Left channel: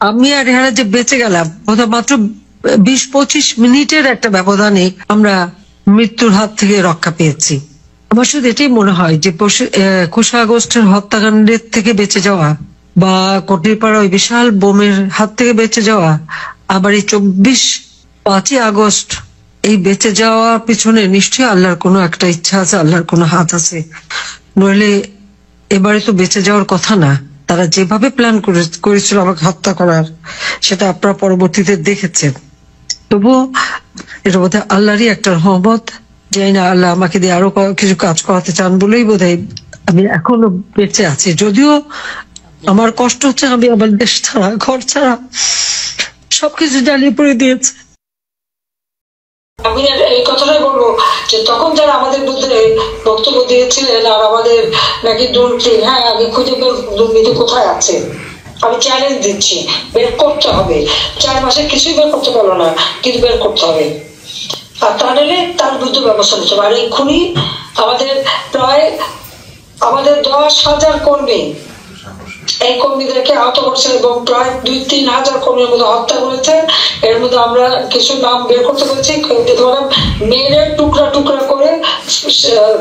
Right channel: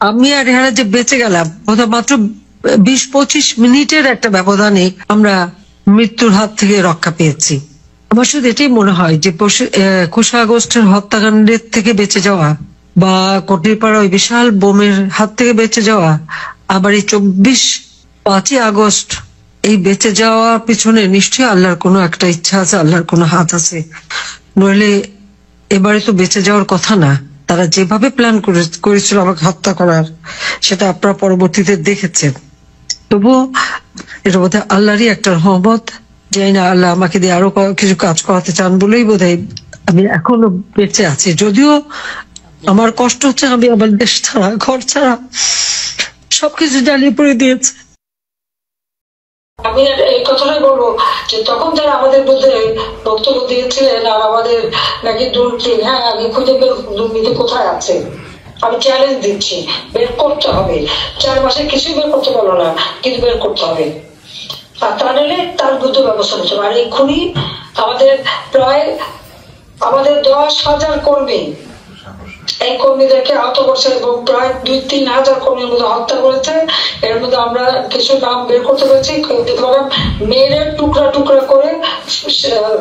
আমি আর এরা যে বেঁচে গেলাম মাত্র 20-25 মিনিটের একটা ব্যবধানে আমরা মৃত্যুর হাত থেকে রক্ষা পেয়েছি। আমার শুধু এটাই মনে হয় যে 21 আগস্টের হত্যাকাণ্ডের থেকে বেঁচে যাওয়া বা কটিরপাড়া ওই বিশাল বোমের হাত থেকে বেঁচে যাওয়া, আবার এই 5ই আগস্ট এই বেঁচে যাওয়ার পিছনে নিশ্চয়ই আল্লাহর কোনো একটা ইচ্ছা আছে, আল্লাহর কোনো হাত আছে, নইলে এবারে তো বেঁচে যাওয়ার কথা না। তারা যেভাবে প্ল্যান করেছিল আমাকে হত্যা করার, সেটা আপনারা পরবর্তীতে দেখেছেন। তবুও এটা বোধহয় আল্লাহরই একটা রহমত, জানি না আল্লাহ আমাকে দিয়ে আরো কিছু কাজ করাতে চান বলেই বোধহয় আমি এখনো বেঁচে আছি। যদিও আমার কষ্ট হচ্ছে, আমি আমার দেশ ছাড়া, ঘর ছাড়া সবকিছু জ্বালিয়ে পড়ে দিয়েছে। আমি এই কথাটাই বলবো যে তখন যারা আমাদের মধ্যে বক্তব্য দিয়েছিলেন আর আমাদের নাকি দুর্নীতি, হ্যাঁ আমি খুঁজে বের দুর্নীতি কোথায় আছে, আমি চ্যালেঞ্জ দিচ্ছি, বের করতে হবে। 4 মাসে কিছুই বের করতে পারলো না, কিন্তু বের করতে হবে। আর তা নাহলে তার বিরুদ্ধে ব্যবস্থা নিতে হবে। আর এক্ষুনি আমাদের প্রায় 10,000 কর্মী, এই কর্মীদেরকে আহত করছে এবং প্রায় 2-3 হাজার কর্মীর মধ্যে হত্যা করেছে। এর মধ্যে আমরা কিছু নাম বের করতে পেরেছি। মেয়ের টুকরা টুকরা করে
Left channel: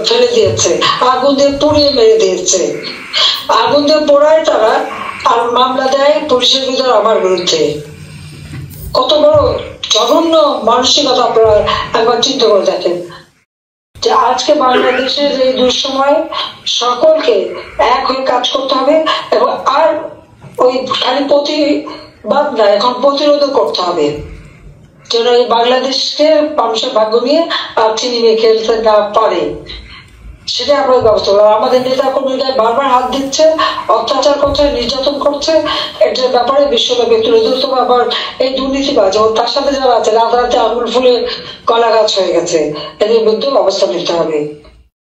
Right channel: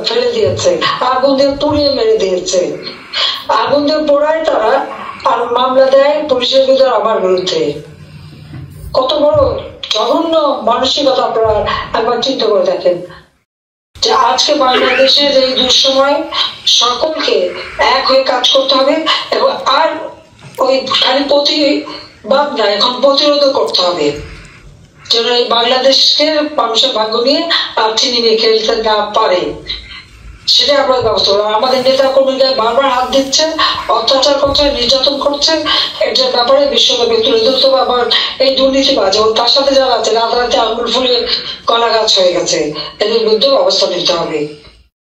ফেলে দিয়েছে, আগুন দিয়ে পুড়িয়ে মেরে দিয়েছে। আগুন দিয়ে পোড়ায় তারা আর মামলা দেয় পুলিশের বিরুদ্ধে, আমার বিরুদ্ধে। কত বড় জঘন্য মানসিকতা আপনারা একবার চিন্তা করে দেখেন। যে আজকে বাংলাদেশের এই দুঃসময় সকলকে এক হয়ে কাজ করতে হবে এবং আর ওই খালি প্রতিবাদ না, এখন প্রতিরোধ করতে হবে, যেন এই বাংলাদেশকে মানুষের ভাগ্য নিয়ে আর চিনিয়ে খেলতে না পারে, সেটাই আমরা ব্যবস্থা করবো। আমাদের নেতা কর্মীরা বারবার হাত দিচ্ছে, অত্যাচার করছে, নির্যাতন করছে, এটার ব্যাপারে বিশ্বব্যাপী তুলে ধরতে হবে। আবার এই দুর্নীতিবাজ ও তার সাথে যারা আছে রাতারাতি আঙুল ফুলে কলা গাছ হয়ে গেছে, এদের বিরুদ্ধে অবস্থান নিতে হবে।